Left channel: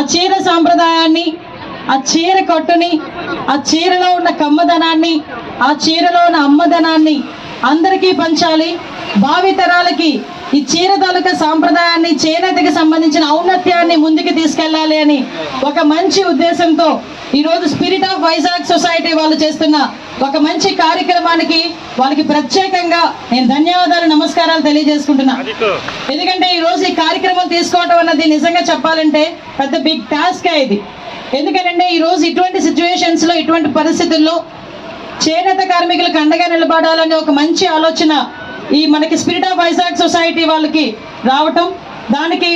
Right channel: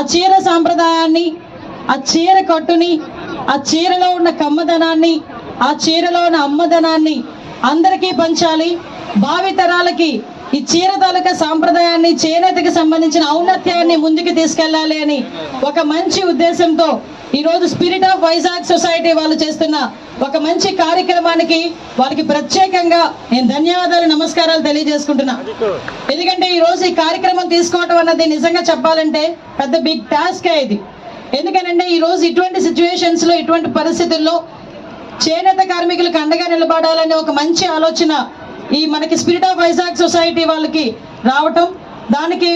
ఆ చీర సాంప్రదాయాన్ని ఆ చీర కట్టుని ఆ చీరలో ఉన్న కమ్మదనాన్ని ఆ చీరలో ఉన్న అమ్మదనాన్ని అందరికీ పంచాలి. భావితరాలకి ఈ చీర తాలూకా సాంప్రదాయాన్ని చేనేతకి సంబంధించిన ఔన్నత్యాన్ని ముందుకు తీసుకెళ్ళాలి అని ఒక మంచి ఉద్దేశంతో ఈ రోజు స్పిరిట్ ఆఫ్ వైజాగ్ సొసైటీ వాళ్ళు చేస్తున్న ఒక మంచి కార్యక్రమానికి వాళ్ళకి ప్రత్యేకంగా నేను ధన్యవాదాలు నమస్కారాలు తెలియజేసుకుంటున్నా. ఎందుకంటే ఈ రోజు ఈ కార్యక్రమం తీసుకోవటం అన్నది నిజంగా చెప్పాలంటే పెద్ద బిగ్ టాస్క్ ఇది. ఎందుకంటే ఈ రోజు ఇటువంటి సిచ్యువేషన్స్లో ఇటువంటి పరిస్థితుల్లో చేనేత కార్మికులకు అండగా నిలబడాలనే ఒక మంచి ఆలోచన ఈ మనకి స్పిరిట్ ఆఫ్ వైజాగ్ సొసైటీ వాళ్ళకి రావటం. దానికి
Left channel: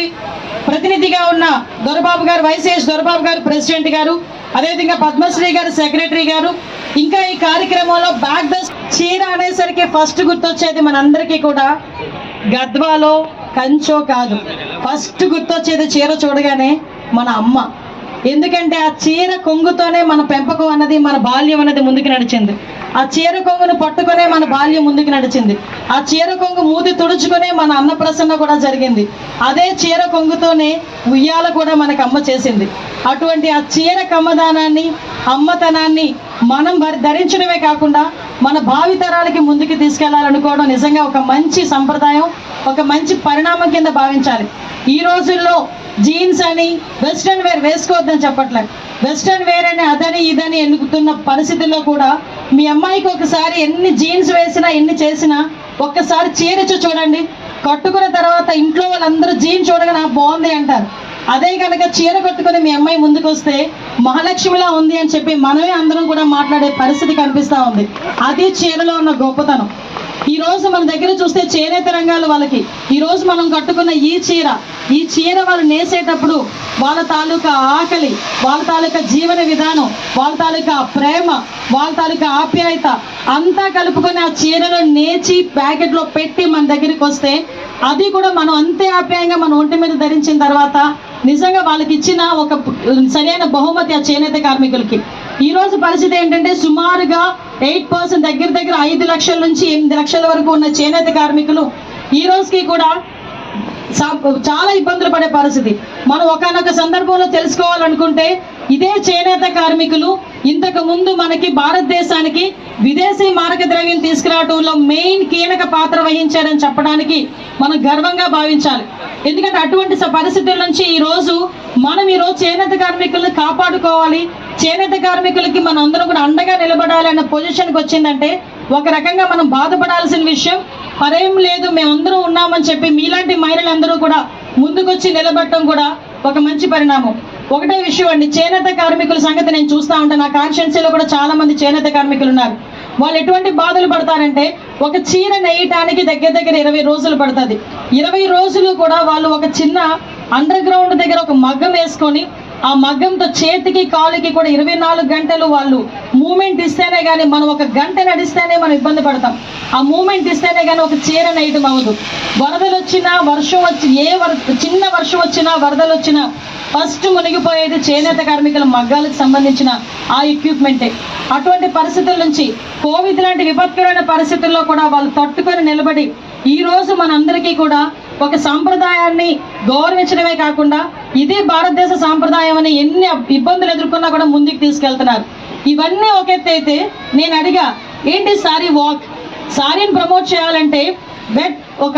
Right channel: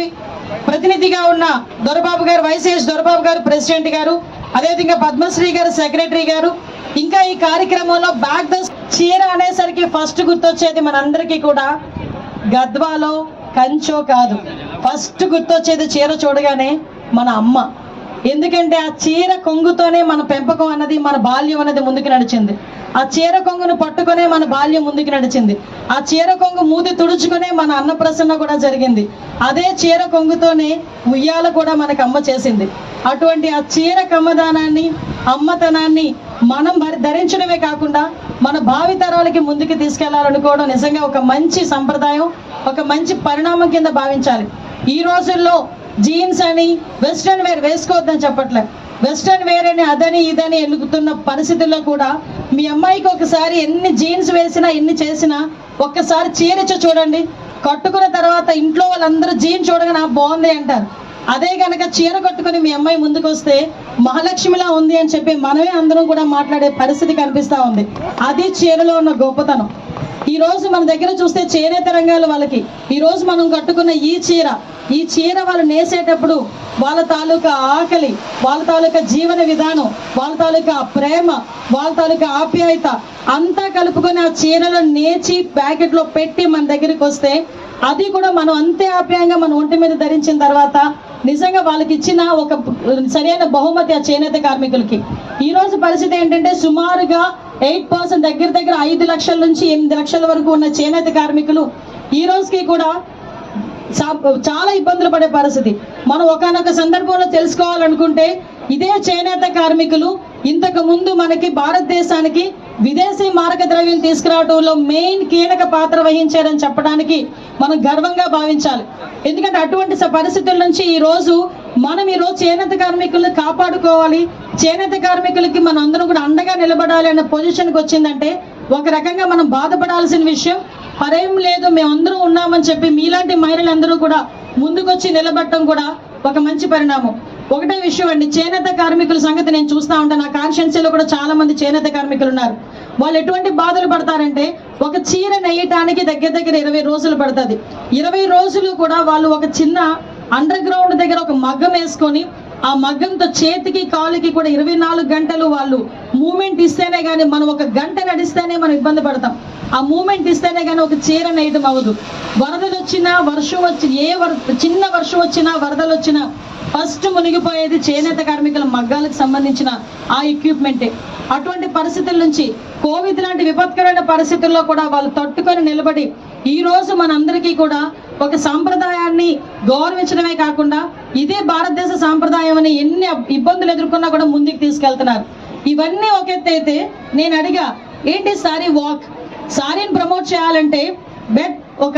ప్రతినిధిగా ఉన్న దొరబాబు గారు వైసీఎస్ దొరబాబు గారు ప్రెసిడెంట్ గారు అదేవిధంగా పద్మశ్రీ గారు సెక్రటరీ గారు ఇంకా ఈ కార్యక్రమంలో బ్యాక్ ద చీర అనేసరికి ఫస్ట్ గుర్తొచ్చేది మనందరికీ కూడా గద్వాలో కంచో కాదు. ఫస్ట్ గుర్తొచ్చేది చీర చూడగానే మన అమ్మ. ఎందుకంటే ఆ చీర కొంగుతోనే మన పెంపకం అన్నది మన బాల్యం అన్నది ముందుకు నడిచింది. ఆ చీర కొంగును పట్టుకునే మన బాల్యం ముందుకు నడిచింది. ఆ చీర కొంగు మూతి తుడుచుకునే మన అన్నప్రసన్న కూడా జరిగింది. అదే చీర కొంగుతోనే ఉయ్యాల కూడా మనకు అమ్మ చేసింది. అటువంటి ఆ చీర కమ్మదానాన్ని అమ్మతనాన్ని మనం ధరించడమే కాకుండా మన భావితరాలకి ముందుకు తీసుకెళ్ళాలనుకోవడం నిజంగా ఒక మంచి సంప్రదాయం ఒక మంచి పరిణామం కింద భావించాలి. ఈ రోజుల్లో జీన్స్ అని వెస్ట్రన్ వేర్ వేసుకోవద్దని చెప్పట్లేదు వెస్ట్రన్ వేర్ అని అదని ఇదని ఎన్నుకుతున్న పరిస్థితుల్లో కూడా మీ అమ్మాయికి ఒకసారి ఎన్ని జీన్స్ వేసినా ఎన్ని చేసినా ఒక్కసారి చీరచో చూడండి. కట్టుకున్న తర్వాత ఇంట్లో వాళ్ళందరూ జీన్స్ చూడగా నాకు బాగుంది అంటారు. అదే కనుక చీర కట్టుకుని మీ అమ్మాయి ముందుకు వస్తే మహాలక్ష్మిలా ఉంది అని చెప్పి మనమే అందరం కూడా మాట్లాడే పరిస్థితి కనిపిస్తూ ఉంది. అది చీరలో ఉన్న గొప్పతనం. ఈ రోజు మన దగ్గర చూస్తే చేనేత రంగాలు వాళ్ళకి. ఈ రోజు మనం కట్టుకున్న ఈ చీర ఈ చీర వాళ్ళు నేసేటప్పుడు వాళ్ళ తాలూకా ఆకలి వాళ్ళ తాలూకా జీవన విధానం వాళ్ళ తాలూకా ప్రేమ వాళ్ళ తాలూకా ఆప్యాయత అంతా కలుపుకొని ఆ చీరలు నేచి ప్యాకెట్లో పెట్టి మన దగ్గరికి వస్తే అది కూడా మనం అంతే ఆప్యాయంగా మన ఒంటి మీద ధరించిన తర్వాత నిజంగా వాళ్ళకి ఇచ్చిన ఒక సరైన బహుమతి ఆ చేనేత కార్మికులకి. ఈ రోజు పరిస్థితి ఏంటంటే సుమారుగా ఎయిట్ పర్సెంట్ దగ్గర దగ్గర ఐదు లక్షల నుంచి ఎనిమిది లక్షల వరకు ఉన్న చేనేత కార్మికులు ఈ రోజుకి కూడా సా- చాలా ఇబ్బందులు పడే పరిస్థితి. మనం ఒకనొక సందర్భంలో తెలుసుకోవాలనుకుంటే ఇదే చేనేత కార్మికులు ఇంతకు ముందు మనకి భారతదేశానికి విదేశీ మారక ద్రవ్యం తీసుకురావడంలో మెయిన్ కీలక పాత్ర వహించారని చెప్పడానికి మనం గర్వంగా భావించాలి. ఎందుకంటే అటువంటి పరిస్థితుల నుంచి ఈ రోజు మనం ఈ రోజు చేనేత కార్మికులను కాపాడుకోవాలి చేనేత కార్మికులకి మనం అందరం కూడా అండగా నిలబడాలి అనే పొజిషన్కి వచ్చిందంటే ఒక రకంగా మనం బాధపడాల్సిన విషయం. పరేం లేదు మేమందరూ ఉన్నామని చెప్పి మీలాంటి మహిళలందరూ కూడా ముందుకొచ్చి నిలబడటం కూడా ఒక మంచి పరిణామం. ఒకటే విషయం అండి చేనేత కార్మికుల సంగతి నేను చూస్తా ఉంటాను నా కాన్షియన్సీలో కూడా చాలా మంది చేనేత కార్మికులు ఉన్నారు. వాళ్ళు ఎటువంటి బాధలు పడతారంటే ఒక చీర నేయటానికి దగ్గర దగ్గర ఇరవై రోజులు పడుతుంది. ఇరవై రోజులు కూడా వాళ్ళు ఒక చిన్న అండర్ గ్రౌండ్ దగ్గర ఒక మగ్గం వేసుకొని ఆ మగ్గంతో చేతికి కాలుకి కూడా ఇరవై నాలుగు గంటలు వాళ్ళు మూమెంట్ ఇస్తేనే కానీ మనం ఒక గంట నడిస్తేనే మనం ఇబ్బంది పడతాం. ఆ మూమెంట్ ఇస్తేనే కానీ ఒక చీర నేయటం అవ్వదు. వరదలు వచ్చినా వర్షం వచ్చి ఏ చిన్న వర్షం వచ్చినా వరదలు వచ్చినా ఫస్ట్ మునిగిపోయేది చేనేత కార్మికుల మగ్గాలకు సంబంధించిన ఆ ఎక్విప్మెంటే అటువంటి పరిస్థితుల నుంచి కోవిడ్ లాంటి విపత్కరమైన పరిస్థితుల్లో కూడా వాళ్ళు తట్టుకొని నిలబడి ఈరోజు మనందరికీ కూడా ఒక సంప్రదాయాన్ని గౌరవించడమే కాకుండా ఇదే భారతదేశ సాంప్రదాయం అని ఎన్ని ఇబ్బందులు ఎదుర్కొన్నా కూడా ముందుకు తీసుకెళ్తున్నారు. ఇవన్నీ ఒక ఎత్తు అయితే నేను అడిగా ఏంటి సారీ వాక్? సారీని ప్రమోట్ చేయాలంటే బెట్ ఒక